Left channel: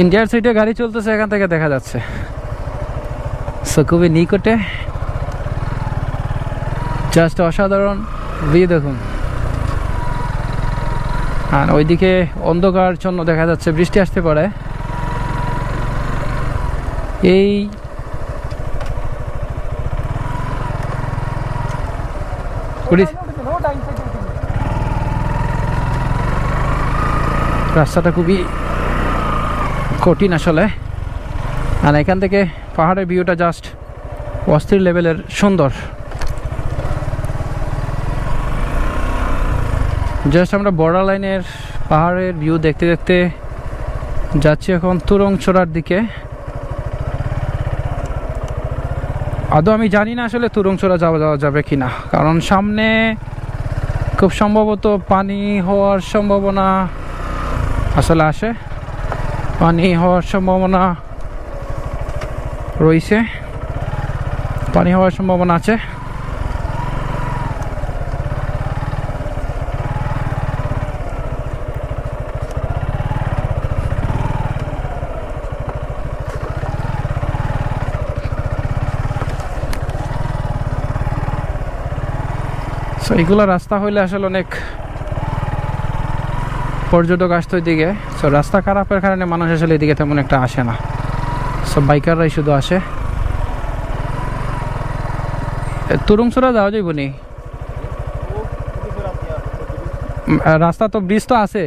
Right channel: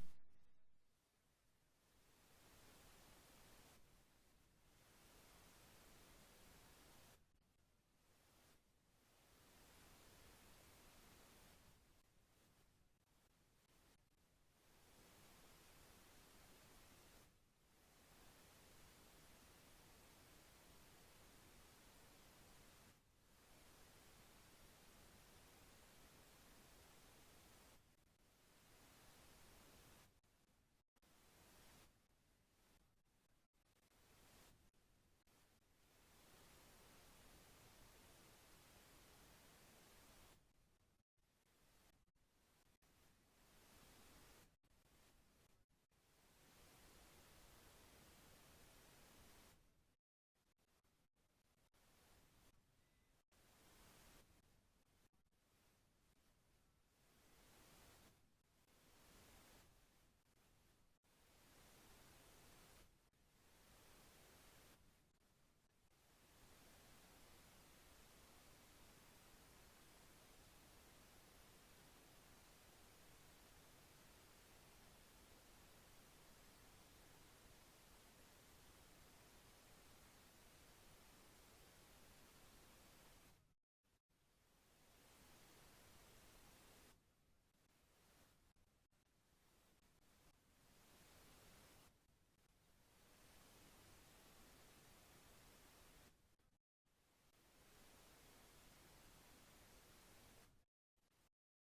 ইন্ডিয়ার সাইডে গাড়ি চলতেছে, এখান থেকে দেখা যাচ্ছে। সো খুবই নিকটে। জাস্ট অসাধারণ ভিউ দেখুন। আর ওইদিকে অন্ধকার জন্য দেখা যাচ্ছে, বৃষ্টি আসতে পারে। এই রাস্তাটা খুবই কঠিন আসলে। আর এখান থেকে পাহাড়ের ভিউটা জাস্ট অস্থির লেভেলের সুন্দর। জাস্ট আমরা বর্ডার লাইনের পাহাড়ের ভিউ দেখতে দেখতে যাচ্ছি এখন তুরংছড়ার দিকে। আদৌ আমি জানি না আসলে তুরংছড়া যাওয়া যাওয়া যাবে কি না কারণ সামনে খুব সম্ভবত পানি হওয়ার সম্ভাবনা আসলে আসে। পানি হওয়ার সম্ভাবনা রয়েছে। পানি হওয়ার সম্ভাবনা আছে। সো এগুলো রাস্তা হইলে আসলে অনেক পর্যটক আসতো এদিকে। সো রাস্তা খারাপের কারণে মানুষ আসলে এদিকে তেমন একটা আসে না। সো বাইকাররাই শুধু আসে। তুরুংসুরা যাওয়া যাইব নি? রাস্তা তো ব্রিজ তো আছে।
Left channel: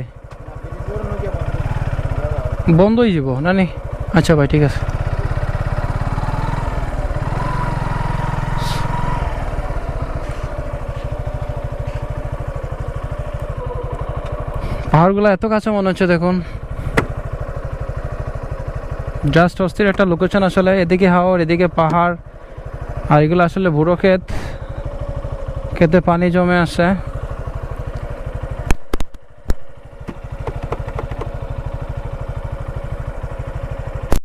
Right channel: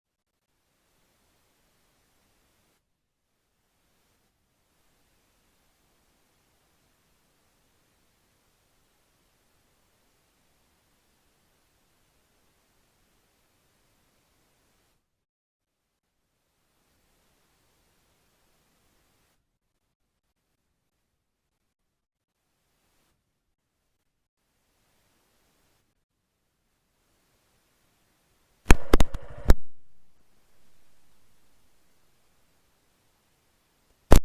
বন্ধ হয়ে যাব না নি? আচ্ছা ভাই, ঠিক আছে। পাহাড়গুলো এত কাছে মনে হচ্ছে দেখুন। জাস্ট অস্থির একটা লোকেশন আসলে, এদিকে হাওর, এদিকে পাহাড়, আর এগুলো আসলে বুড়ো ক্ষেত। খেতে পানি জমে আছে।